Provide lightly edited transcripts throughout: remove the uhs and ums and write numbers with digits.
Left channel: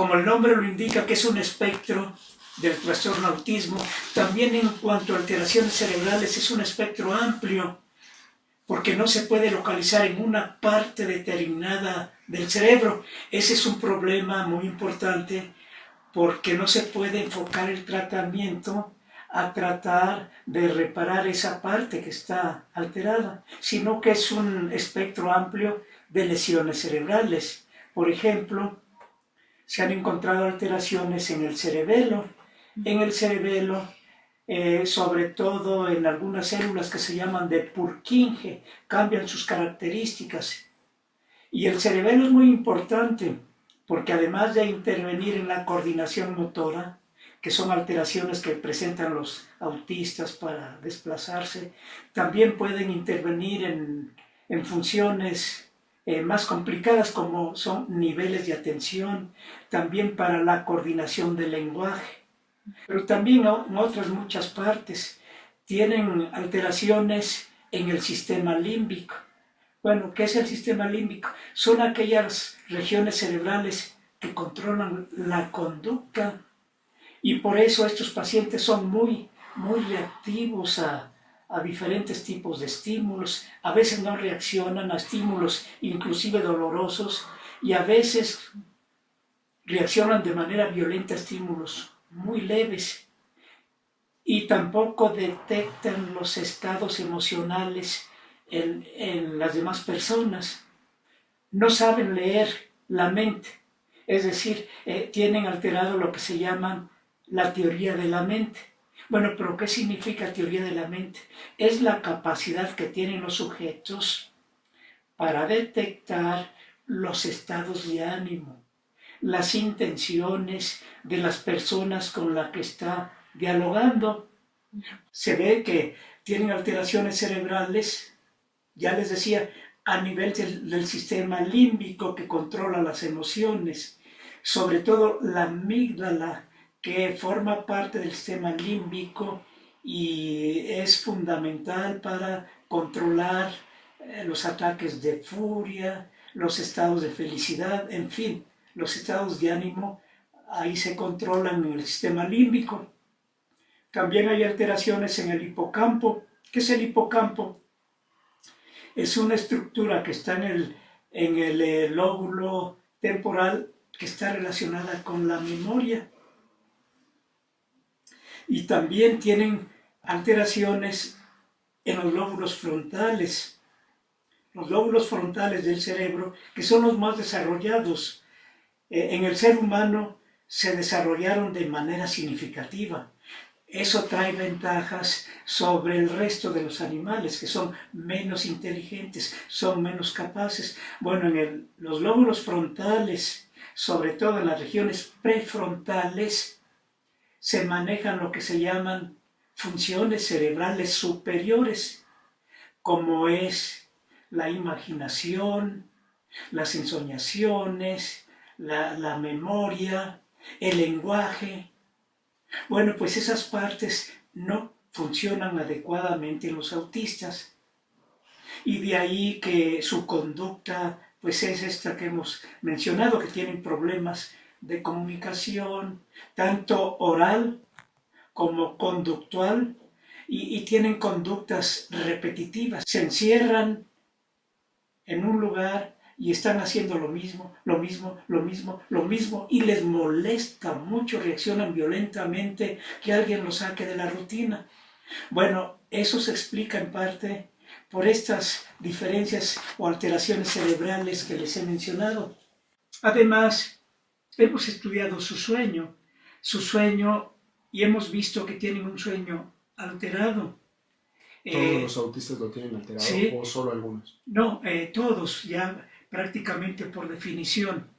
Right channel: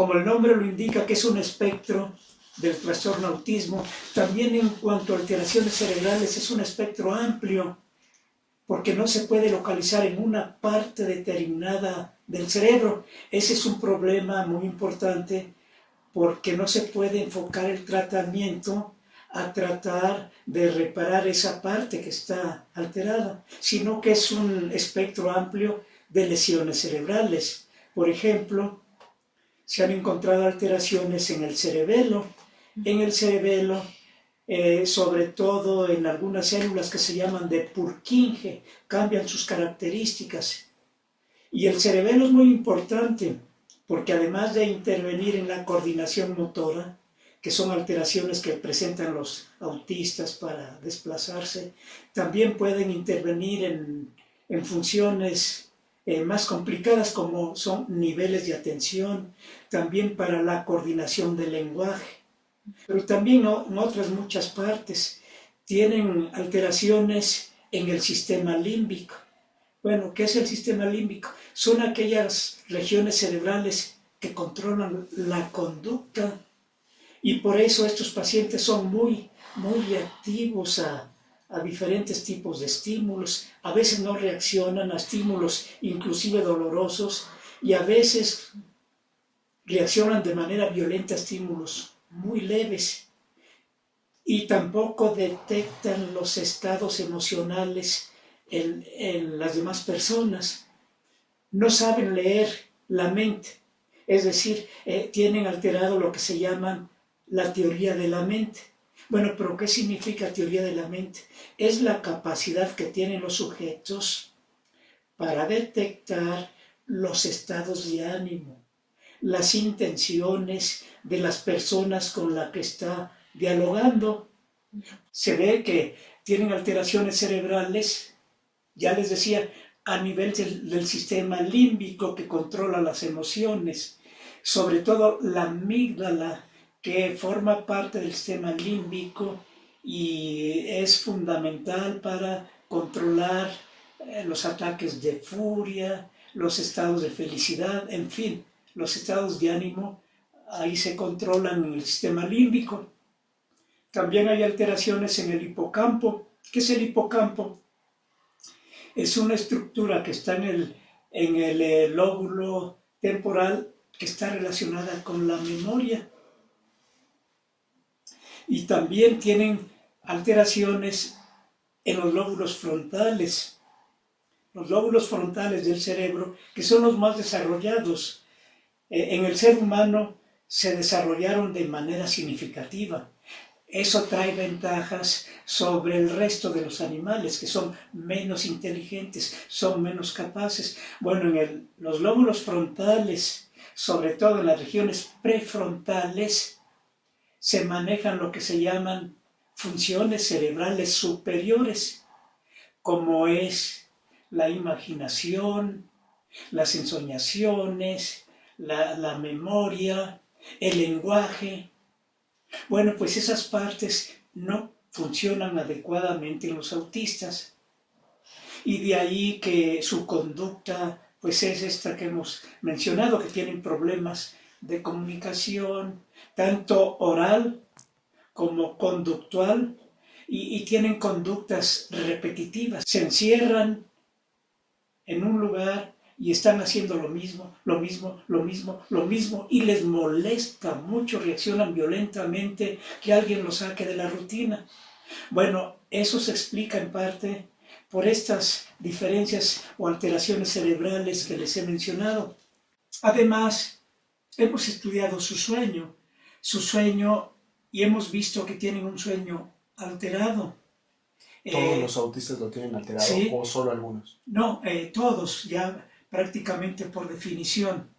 como el nombre lo indica, que es un espectro del trastorno autismo, también en cuanto a alteraciones cerebrales es un espectro amplio, porque no se puede localizar en una parte determinada del cerebro. Ese es un problema muy importante, porque no se puede enfocar el tratamiento a tratar de reparar esa parte que está alterada, sino que es un espectro amplio de lesiones cerebrales. Por ejemplo, se han encontrado alteraciones en el cerebelo. En el cerebelo, sobre todo en algunas células que se llaman de Purkinje, cambian sus características. Y el cerebelo es muy importante porque además de intervenir en la coordinación motora, que son alteraciones que presentan los autistas para desplazarse, también pueden intervenir en funciones más complicadas como son niveles de atención, también para la coordinación del lenguaje, pero también en otras muchas partes. Tienen alteraciones en el sistema límbico. Bueno, ¿qué es el sistema límbico? Son aquellas regiones cerebrales que controlan la conducta, y por eso estos pacientes son muy reactivos a diferentes tipos de estímulos. A veces no reaccionan a estímulos inclusive dolorosos, y a veces reaccionan de manera violenta a estímulos muy leves, y tampoco detectan los estados emocionales en las demás personas. No saben leer la mente, es decir, tienen alterado lo que se llama la teoría de la mente. Bueno, pero ¿qué significa teoría de la mente? Es la capacidad que tienen los sujetos para detectar los estados de ánimo, las intenciones de las personas con las que está dialogando. Se ve que tienen alteraciones cerebrales, ya les decía, a nivel del sistema límbico que controla las emociones, sobre todo la amígdala, que forma parte del sistema límbico y es fundamental para controlar los ataques de furia, los estados de felicidad, en fin, los estados de ánimo, ahí se controlan en el sistema límbico. También hay alteraciones en el hipocampo. ¿Qué es el hipocampo? Es una estructura que está en el lóbulo temporal, que está relacionada con la memoria. Y también tienen alteraciones en los lóbulos frontales. Los lóbulos frontales del cerebro, que son los más desarrollados. En el ser humano se desarrollaron de manera significativa. Eso trae ventajas sobre el resto de los animales, que son menos inteligentes, son menos capaces. Bueno, los lóbulos frontales, sobre todo en las regiones prefrontales, se manejan lo que se llaman funciones cerebrales superiores, como es la imaginación, las ensoñaciones, la memoria, el lenguaje. Bueno, pues esas partes no funcionan adecuadamente en los autistas, y de ahí que su conducta pues es esta que hemos mencionado, que tienen problemas de comunicación, tanto oral como conductual, y tienen conductas repetitivas. Se encierran en un lugar y están haciendo lo mismo, y les molesta mucho, reaccionan violentamente que alguien los saque de la rutina. Bueno, eso se explica en parte por estas diferencias o alteraciones cerebrales que les he mencionado. Además, hemos estudiado su sueño, y hemos visto que tienen un sueño alterado. ¿Todos los autistas lo tienen alterado, sí, o solo algunos? No, todos, ya prácticamente por definición.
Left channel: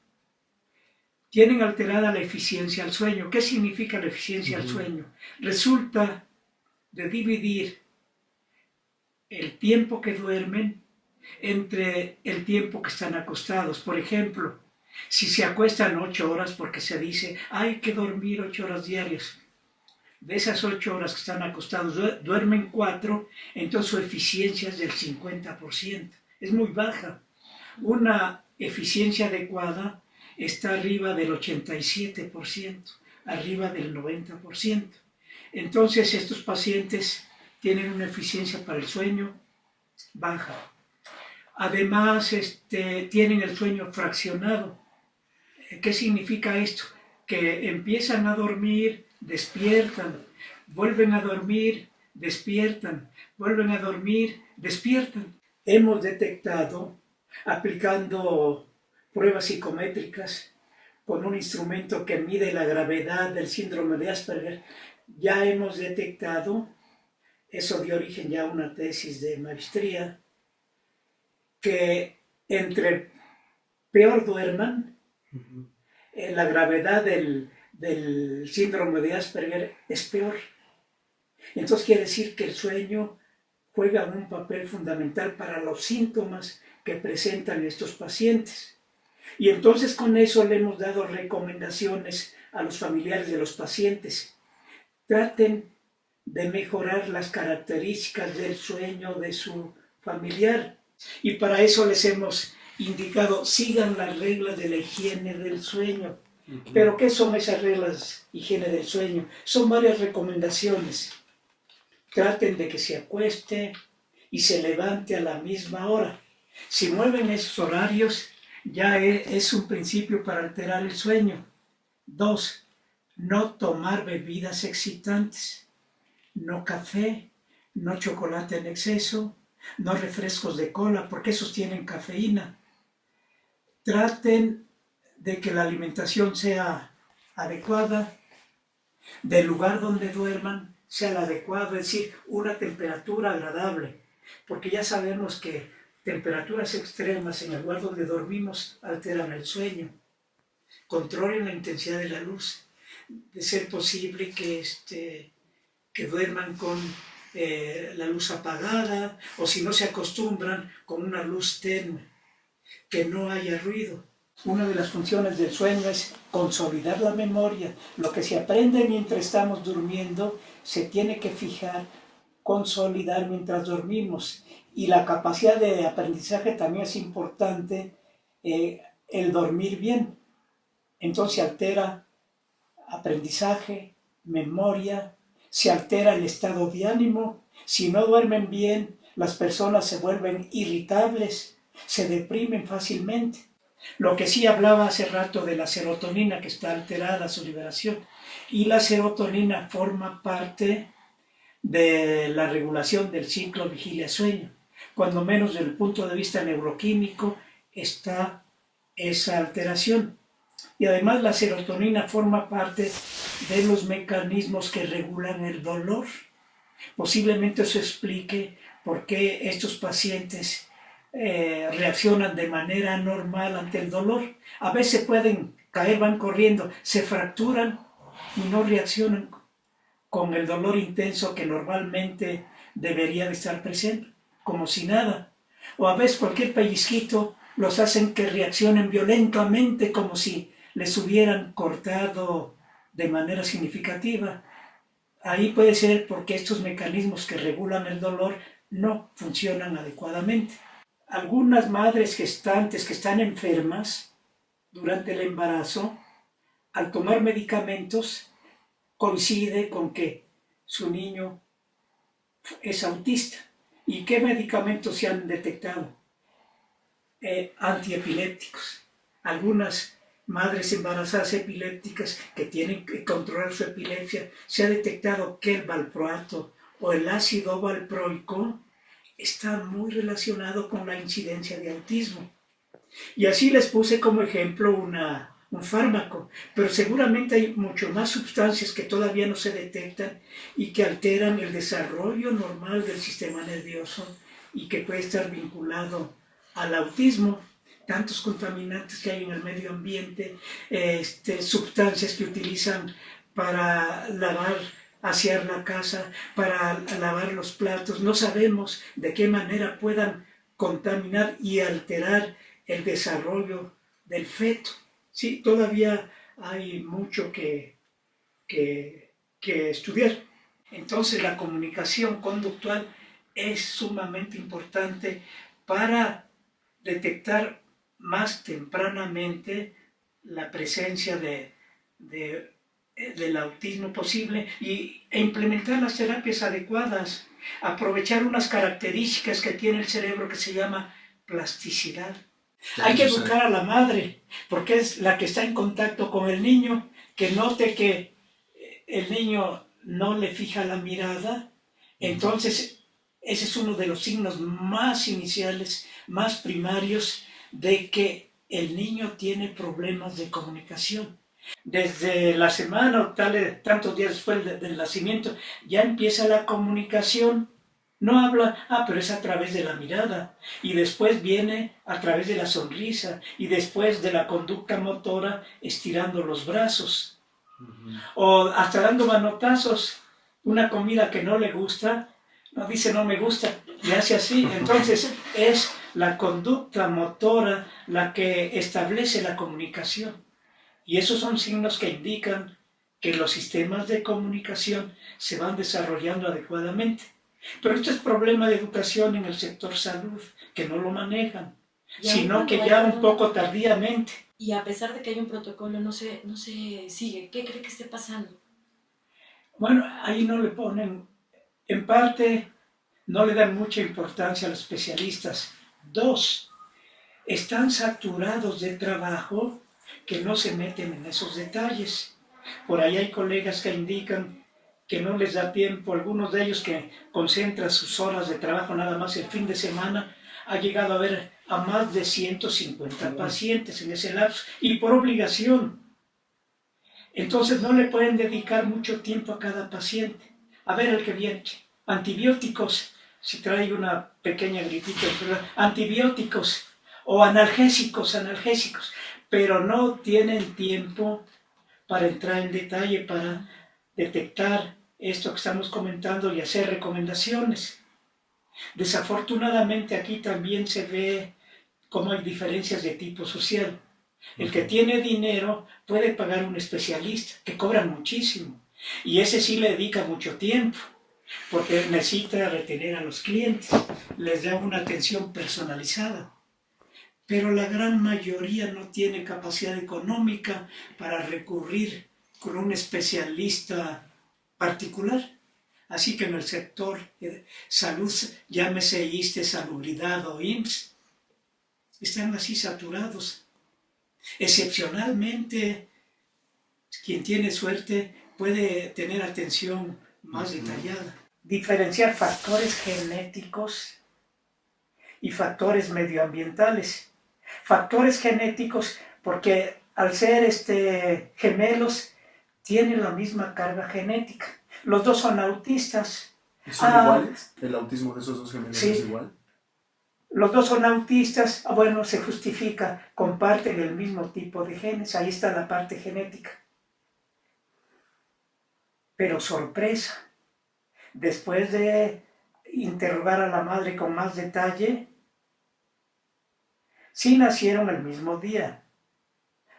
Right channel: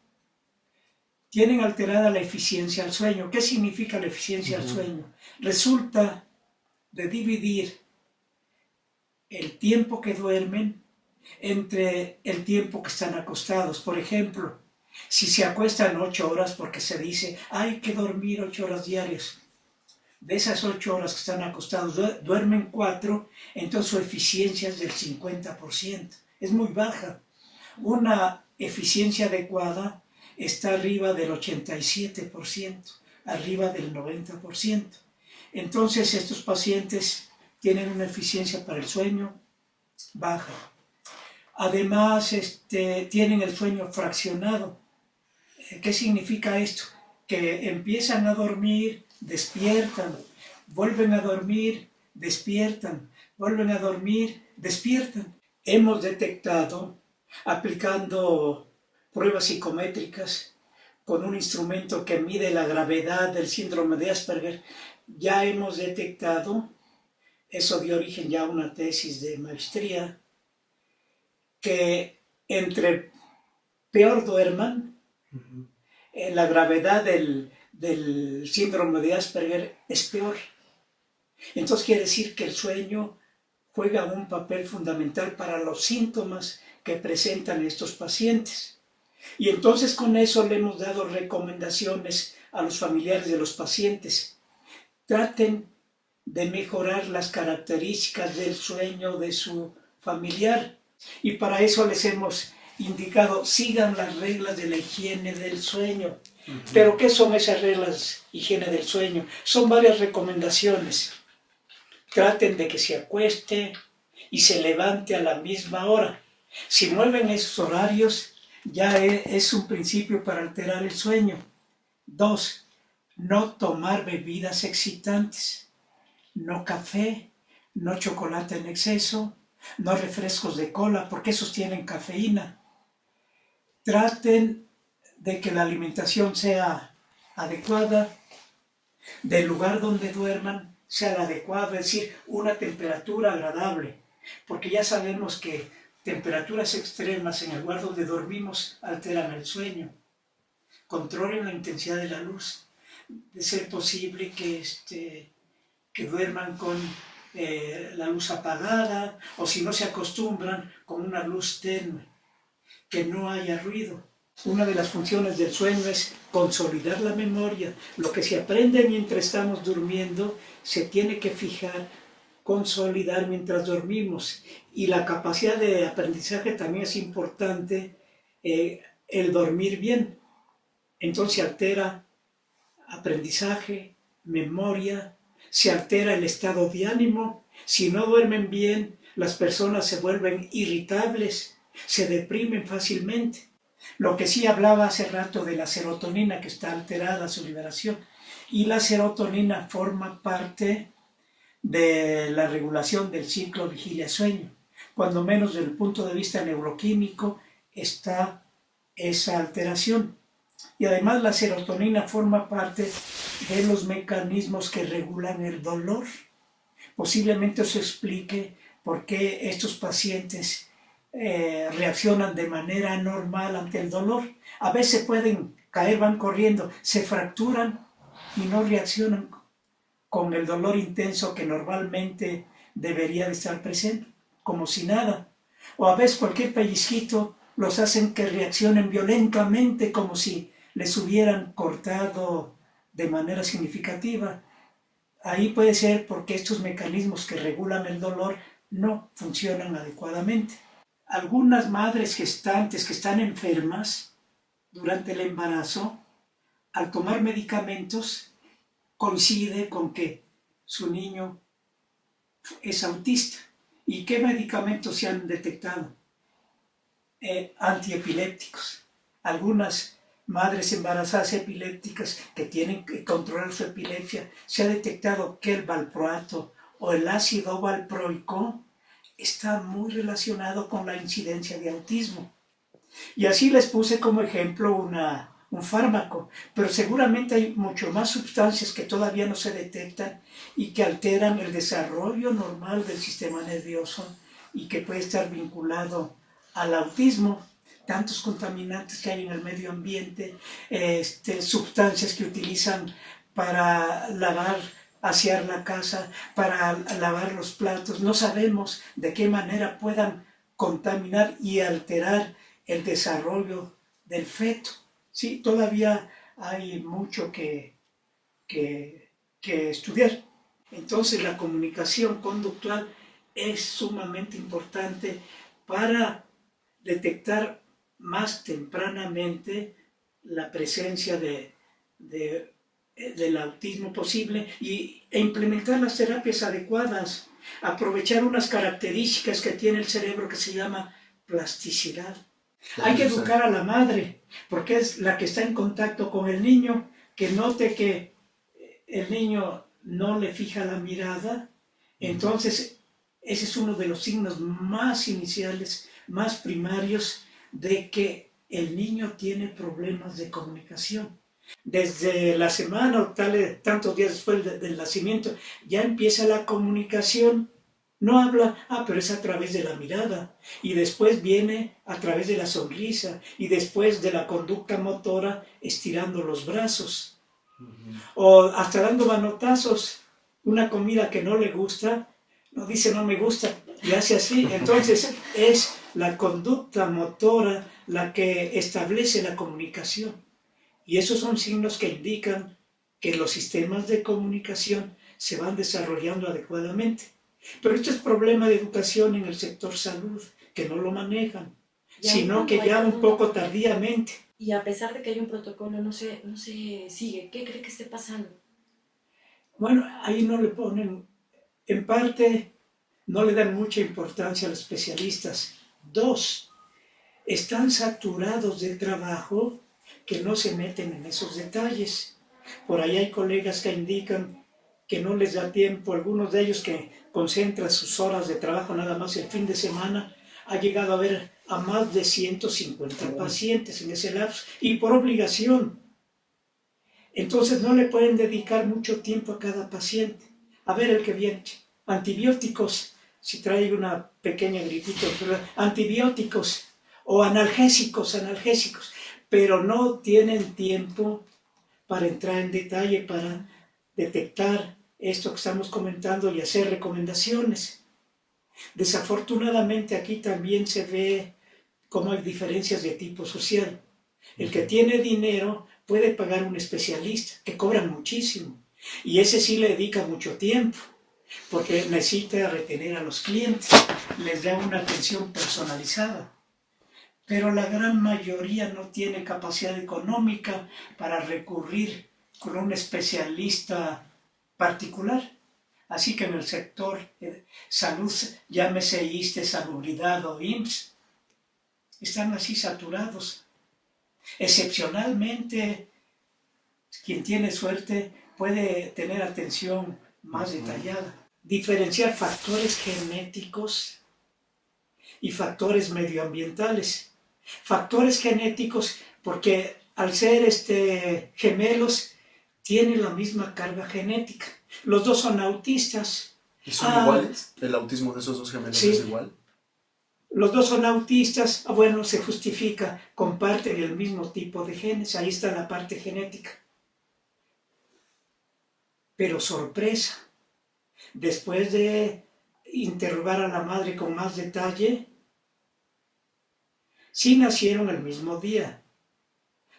Tienen alterada la eficiencia al sueño. ¿Qué significa la eficiencia al sueño? Resulta de dividir el tiempo que duermen entre el tiempo que están acostados. Por ejemplo, si se acuestan 8 horas, porque se dice, hay que dormir 8 horas diarias. De esas 8 horas que están acostados, duermen 4, entonces su eficiencia es del 50%. Es muy baja. Una eficiencia adecuada está arriba del 87%, arriba del 90%. Entonces estos pacientes tienen una eficiencia para el sueño baja. Además, tienen el sueño fraccionado. ¿Qué significa esto? Que empiezan a dormir, despiertan, vuelven a dormir, despiertan, vuelven a dormir, despiertan. Hemos detectado, aplicando pruebas psicométricas con un instrumento que mide la gravedad del síndrome de Asperger, ya hemos detectado, eso dio origen ya a una tesis de maestría, que entre peor duerman, la gravedad del síndrome de Asperger es peor. Entonces quiere decir que el sueño juega un papel fundamental para los síntomas que presentan estos pacientes. Y entonces con eso le hemos dado recomendaciones a los familiares de los pacientes. Traten de mejorar las características del sueño de su familiar. Y para eso les hemos indicado, sigan las reglas de la higiene del sueño. ¿Pero qué son esas reglas de higiene del sueño? Son varias recomendaciones. Traten de que se acueste y se levante a la misma hora. Si mueven esos horarios, ya es un principio para alterar el sueño. 2. No tomar bebidas excitantes. No café, no chocolate en exceso, no refrescos de cola, porque esos tienen cafeína. Traten de que la alimentación sea adecuada, del lugar donde duerman sea la adecuada, es decir, una temperatura agradable, porque ya sabemos que temperaturas extremas en el lugar donde dormimos alteran el sueño. Controlen la intensidad de la luz, de ser posible que duerman con la luz apagada, o si no se acostumbran, con una luz tenue, que no haya ruido. Una de las funciones del sueño es consolidar la memoria. Lo que se aprende mientras estamos durmiendo se tiene que fijar, consolidar mientras dormimos. Y la capacidad de aprendizaje también es importante, el dormir bien. Entonces se altera aprendizaje, memoria, se altera el estado de ánimo. Si no duermen bien, las personas se vuelven irritables, se deprimen fácilmente. Lo que sí hablaba hace rato de la serotonina, que está alterada su liberación. Y la serotonina forma parte de la regulación del ciclo vigilia-sueño. Cuando menos desde el punto de vista neuroquímico está esa alteración. Y además la serotonina forma parte de los mecanismos que regulan el dolor. Posiblemente eso explique por qué estos pacientes reaccionan de manera anormal ante el dolor. A veces pueden caer, van corriendo, se fracturan y no reaccionan con el dolor intenso que normalmente debería de estar presente, como si nada. O a veces cualquier pellizquito los hacen que reaccionen violentamente, como si les hubieran cortado de manera significativa. Ahí puede ser porque estos mecanismos que regulan el dolor no funcionan adecuadamente. Algunas madres gestantes que están enfermas durante el embarazo, al tomar medicamentos, coincide con que su niño es autista. ¿Y qué medicamentos se han detectado? Antiepilépticos. Algunas madres embarazadas epilépticas que tienen que controlar su epilepsia, se ha detectado que el valproato o el ácido valproico está muy relacionado con la incidencia de autismo. Y así les puse como ejemplo un fármaco, pero seguramente hay mucho más sustancias que todavía no se detectan y que alteran el desarrollo normal del sistema nervioso y que puede estar vinculado al autismo. Tantos contaminantes que hay en el medio ambiente, sustancias que utilizan para lavar, asear la casa, para lavar los platos. No sabemos de qué manera puedan contaminar y alterar el desarrollo del feto. Sí, todavía hay mucho que estudiar. Entonces la comunicación conductual es sumamente importante para detectar más tempranamente la presencia del autismo posible e implementar las terapias adecuadas, aprovechar unas características que tiene el cerebro que se llama plasticidad. Hay que educar a la madre, porque es la que está en contacto con el niño, que note que el niño no le fija la mirada. Entonces ese es uno de los signos más iniciales, más primarios, de que el niño tiene problemas de comunicación. Desde la semana o tantos días después del nacimiento ya empieza la comunicación. No habla, pero es a través de la mirada, y después viene a través de la sonrisa, y después de la conducta motora estirando los brazos, o hasta dando manotazos. Una comida que no le gusta, no dice no me gusta, y hace así. Entonces es la conducta motora la que establece la comunicación, y esos son signos que indican que los sistemas de comunicación se van desarrollando adecuadamente. Pero esto es problema de educación en el sector salud, que no lo manejan, sino que ya un poco tardíamente. Y a pesar de que hay un protocolo, no se sigue. ¿Qué cree que esté pasando? Bueno, ahí no le ponen, en parte, no le dan mucha importancia a los especialistas. 2, están saturados de trabajo que no se meten en esos detalles. Por ahí hay colegas que indican que no les da tiempo, algunos de ellos que concentran sus horas de trabajo nada más el fin de semana, ha llegado a ver a más de 150 pacientes en ese lapso, y por obligación. Entonces no le pueden dedicar mucho tiempo a cada paciente. A ver el que viene, antibióticos, si trae una pequeña gripita, antibióticos o analgésicos, pero no tienen tiempo para entrar en detalle, para detectar esto que estamos comentando y hacer recomendaciones. Desafortunadamente aquí también se ve cómo hay diferencias de tipo social. El que tiene dinero puede pagar un especialista, que cobran muchísimo, y ese sí le dedica mucho tiempo, porque necesita retener a los clientes, les da una atención personalizada. Pero la gran mayoría no tiene capacidad económica para recurrir con un especialista particular. Así que en el sector salud, llámese ISSSTE, Salubridad o IMSS, están así saturados. Excepcionalmente, quien tiene suerte puede tener atención más detallada. Diferenciar factores genéticos y factores medioambientales. Factores genéticos porque al ser gemelos tienen la misma carga genética. Los dos son autistas. ¿Y son iguales? ¿El autismo de esos dos gemelos sí, es igual? Los dos son autistas, bueno, se justifica, comparten el mismo tipo de genes, ahí está la parte genética. Pero sorpresa, después de interrogar a la madre con más detalle, sí nacieron el mismo día.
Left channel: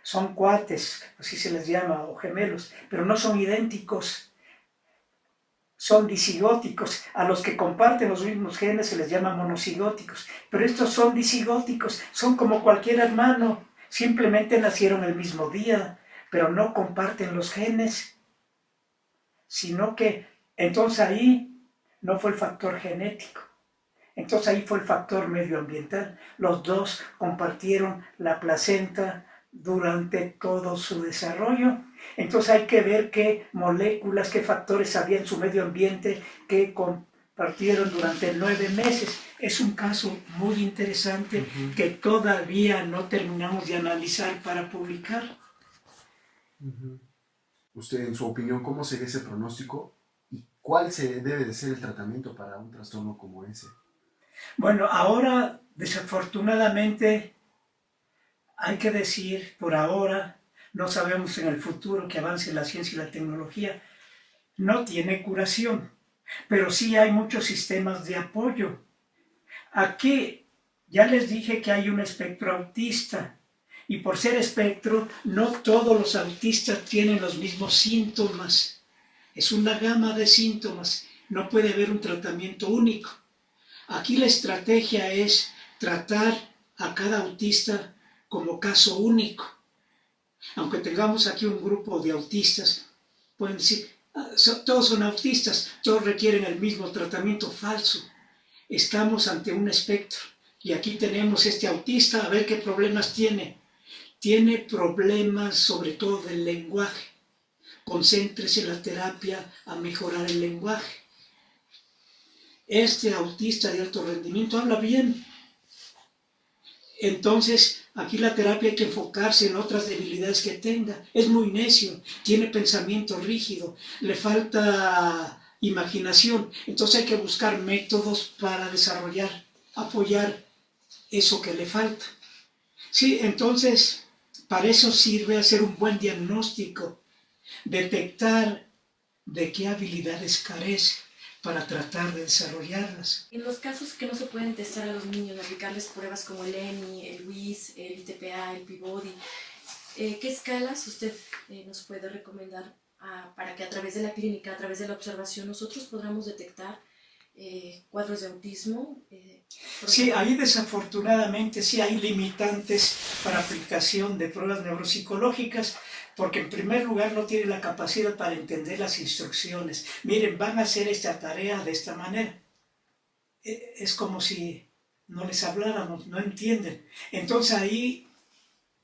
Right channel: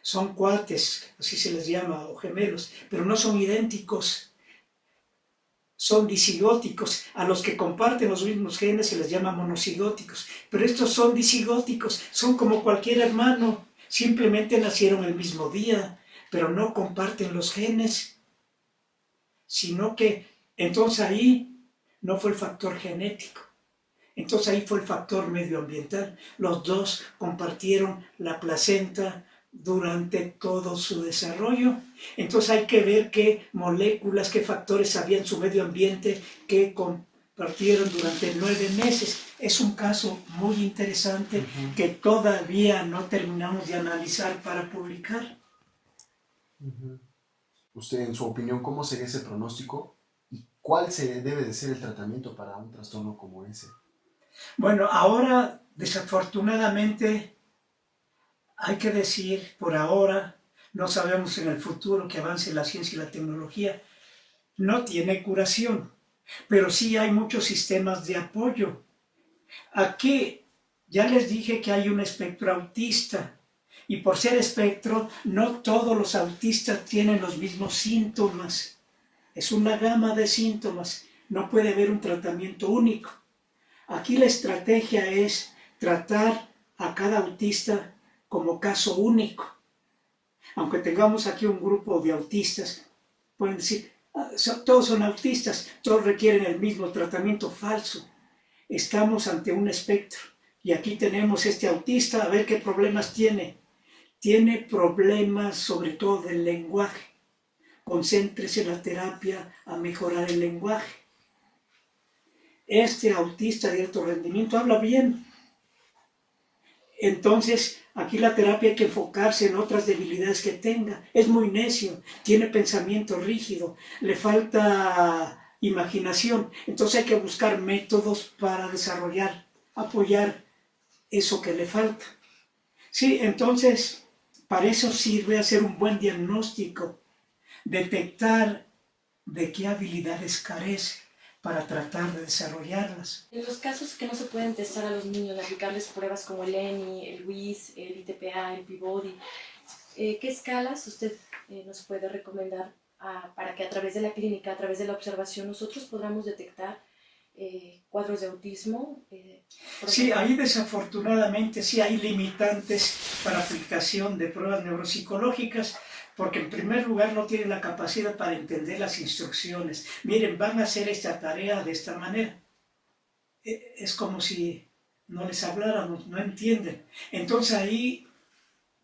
Son cuates, así se les llama, o gemelos, pero no son idénticos. Son disigóticos. A los que comparten los mismos genes se les llama monocigóticos. Pero estos son disigóticos, son como cualquier hermano. Simplemente nacieron el mismo día, pero no comparten los genes. Sino que, entonces ahí no fue el factor genético. Entonces ahí fue el factor medioambiental. Los dos compartieron la placenta durante todo su desarrollo. Entonces hay que ver qué moléculas, qué factores había en su medio ambiente que compartieron durante 9 meses. Es un caso muy interesante que todavía no terminamos de analizar para publicar. Usted, en su opinión, ¿cómo sería ese pronóstico y cuál debe de ser el tratamiento para un trastorno como ese? Bueno, ahora desafortunadamente hay que decir, por ahora, no sabemos en el futuro que avance la ciencia y la tecnología, no tiene curación, pero sí hay muchos sistemas de apoyo. Aquí ya les dije que hay un espectro autista, y por ser espectro, no todos los autistas tienen los mismos síntomas. Es una gama de síntomas, no puede haber un tratamiento único. Aquí la estrategia es tratar a cada autista como caso único. Aunque tengamos aquí un grupo de autistas, pueden decir, todos son autistas, todos requieren el mismo tratamiento. Falso. Estamos ante un espectro y aquí tenemos este autista, a ver qué problemas tiene. Tiene problemas sobre todo del lenguaje. Concéntrese en la terapia a mejorar el lenguaje. Este autista de alto rendimiento habla bien. Entonces, aquí la terapia hay que enfocarse en otras debilidades que tenga. Es muy necio, tiene pensamiento rígido, le falta imaginación. Entonces hay que buscar métodos para desarrollar, apoyar eso que le falta. Sí, entonces, para eso sirve hacer un buen diagnóstico, detectar de qué habilidades carece para tratar de desarrollarlas. En los casos que no se pueden testar a los niños, aplicarles pruebas como el ENI, el WIS, el ITPA, el Peabody, ¿qué escalas usted nos puede recomendar para que a través de la clínica, a través de la observación, nosotros podamos detectar cuadros de autismo? Sí, ahí desafortunadamente sí hay limitantes para aplicación de pruebas neuropsicológicas, porque en primer lugar no tiene la capacidad para entender las instrucciones. Miren, van a hacer esta tarea de esta manera. Es como si no les habláramos, no entienden. Entonces ahí,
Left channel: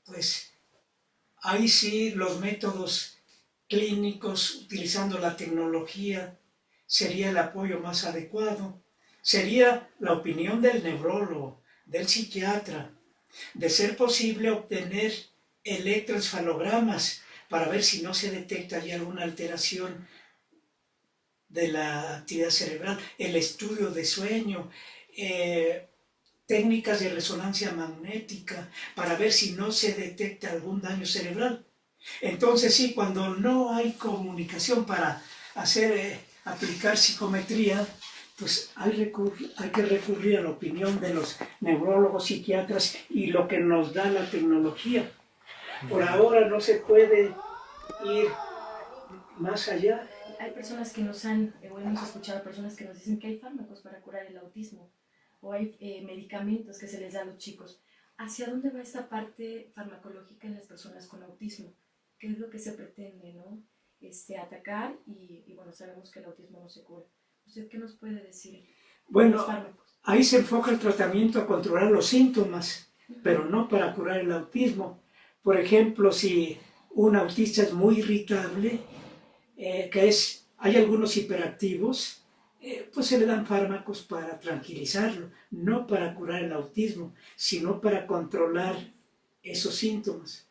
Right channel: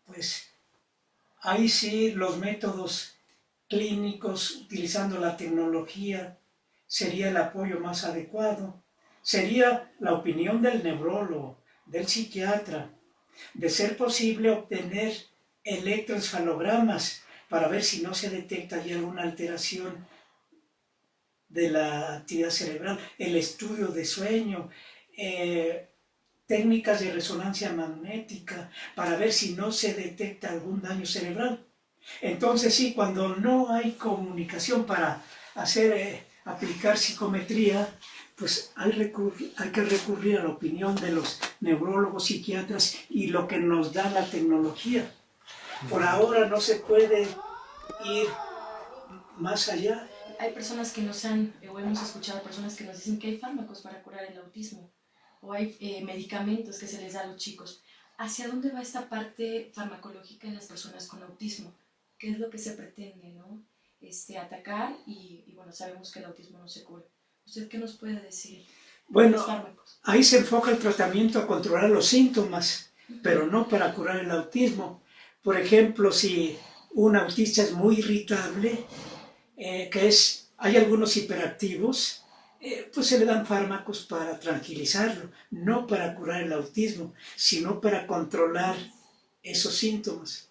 pues, ahí sí los métodos clínicos utilizando la tecnología sería el apoyo más adecuado. Sería la opinión del neurólogo, del psiquiatra, de ser posible obtener electroencefalogramas para ver si no se detecta ya alguna alteración de la actividad cerebral, el estudio de sueño, técnicas de resonancia magnética para ver si no se detecta algún daño cerebral. Entonces sí, cuando no hay comunicación para aplicar psicometría, pues hay que recurrir a la opinión de los neurólogos, psiquiatras y lo que nos da la tecnología. Por ahora no se puede ir más allá. Hay personas que nos han, o hemos escuchado personas que nos dicen que hay fármacos para curar el autismo, o hay medicamentos que se les da a los chicos. ¿Hacia dónde va esta parte farmacológica en las personas con autismo? ¿Qué es lo que se pretende, no? Atacar y bueno, sabemos que el autismo no se cura. ¿Usted qué nos puede decir? Bueno, ahí se enfoca el tratamiento a controlar los síntomas, pero no para curar el autismo. Por ejemplo, si un autista es muy irritable, hay algunos hiperactivos, pues se le dan fármacos para tranquilizarlo, no para curar el autismo, sino para controlar esos síntomas.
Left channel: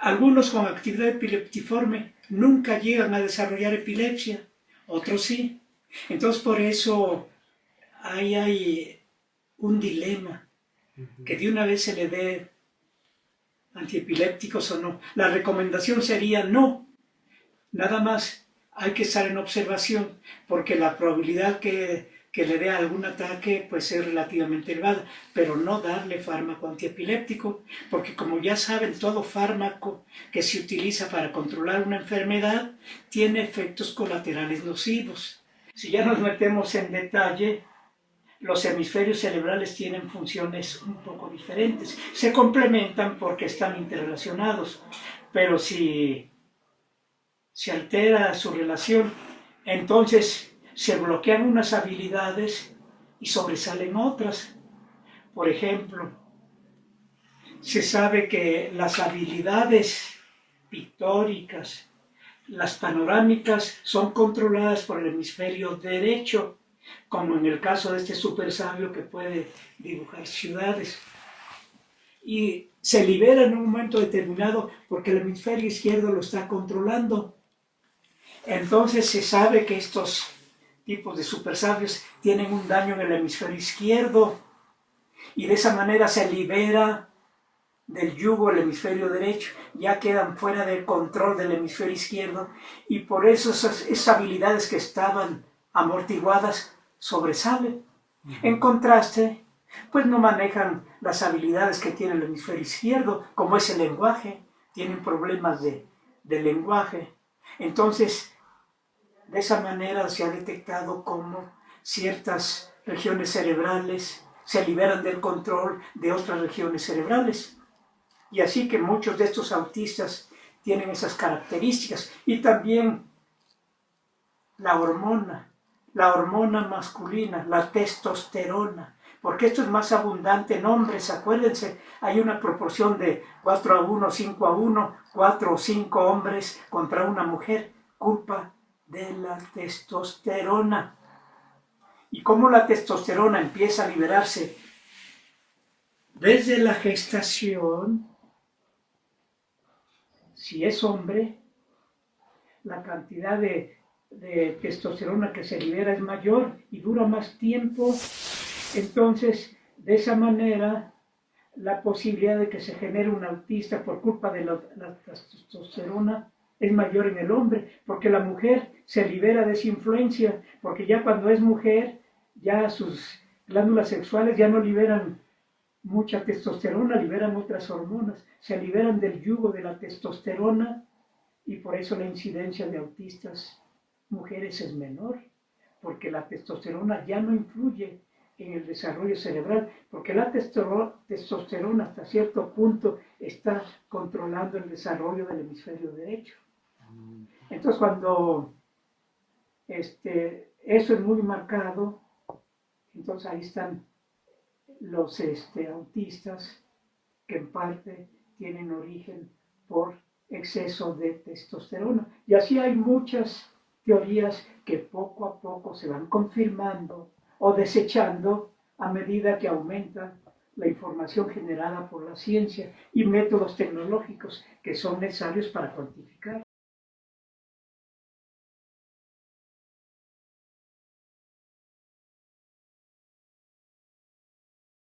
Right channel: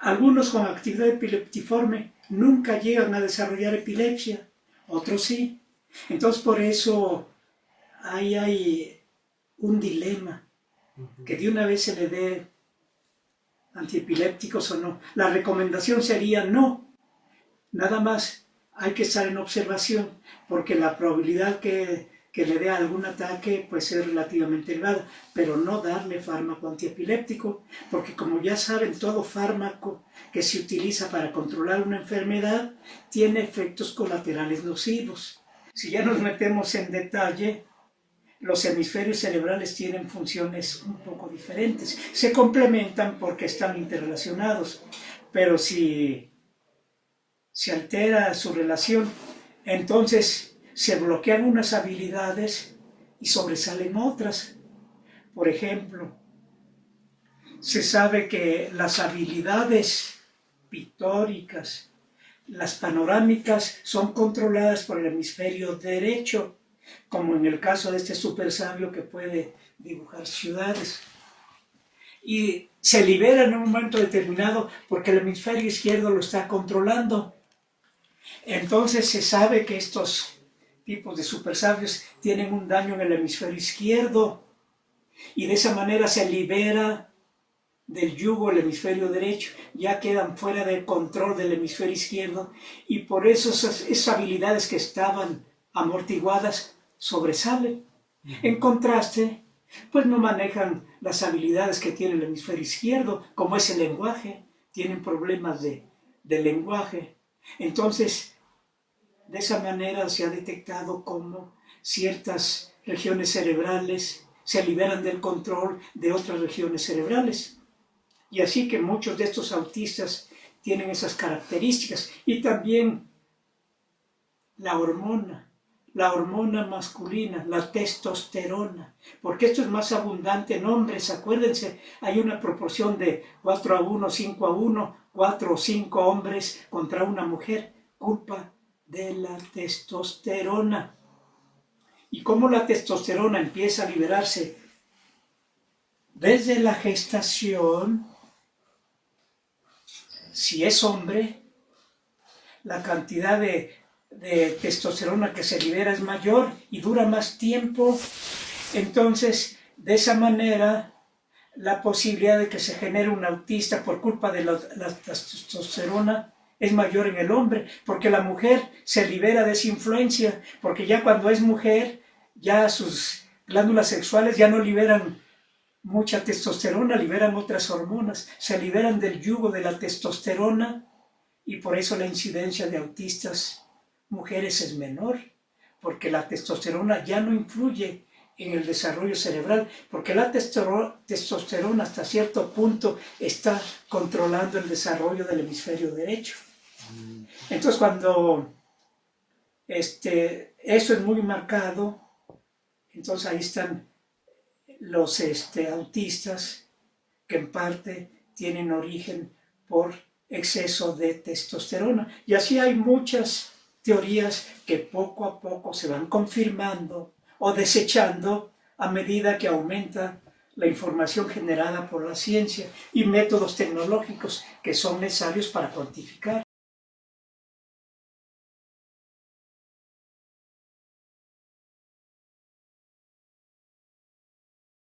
Algunos con actividad epileptiforme nunca llegan a desarrollar epilepsia, otros sí. Entonces por eso ahí hay un dilema, que de una vez se le dé antiepilépticos o no. La recomendación sería no, nada más hay que estar en observación, porque la probabilidad que le dé algún ataque pues es relativamente elevada, pero no darle fármaco antiepiléptico, porque como ya saben, todo fármaco que se utiliza para controlar una enfermedad tiene efectos colaterales nocivos. Si ya nos metemos en detalle, los hemisferios cerebrales tienen funciones un poco diferentes. Se complementan porque están interrelacionados, pero si se altera su relación, entonces se bloquean unas habilidades y sobresalen otras. Por ejemplo, se sabe que las habilidades pictóricas, las panorámicas, son controladas por el hemisferio derecho, como en el caso de este super sabio que puede dibujar ciudades. Y se liberan en un momento determinado porque el hemisferio izquierdo lo está controlando. Entonces se sabe que estos tipos de super sabios tienen un daño en el hemisferio izquierdo y de esa manera se libera del yugo el hemisferio derecho, ya quedan fuera del control del hemisferio izquierdo y por eso esas habilidades que estaban amortiguadas sobresalen. En contraste, pues no manejan las habilidades que tiene el hemisferio izquierdo, como es el lenguaje, tienen problemas de lenguaje. Entonces, de esa manera se ha detectado cómo ciertas regiones cerebrales se liberan del control de otras regiones cerebrales. Y así que muchos de estos autistas tienen esas características. Y también la hormona masculina, la testosterona, porque esto es más abundante en hombres. Acuérdense, hay una proporción de 4-1, 5-1, 4 o 5 hombres contra una mujer, culpa de la testosterona. Y cómo la testosterona empieza a liberarse desde la gestación. Si es hombre, la cantidad de testosterona que se libera es mayor y dura más tiempo. Entonces, de esa manera, la posibilidad de que se genere un autista por culpa de la testosterona es mayor en el hombre, porque la mujer se libera de esa influencia, porque ya cuando es mujer, ya sus glándulas sexuales ya no liberan mucha testosterona, liberan otras hormonas, se liberan del yugo de la testosterona, y por eso la incidencia de autistas mujeres es menor, porque la testosterona ya no influye en el desarrollo cerebral, porque la testosterona hasta cierto punto está controlando el desarrollo del hemisferio derecho. Entonces cuando eso es muy marcado, entonces ahí están los autistas que en parte tienen origen por exceso de testosterona. Y así hay muchas teorías que poco a poco se van confirmando o desechando a medida que aumenta la información generada por la ciencia y métodos tecnológicos que son necesarios para cuantificar.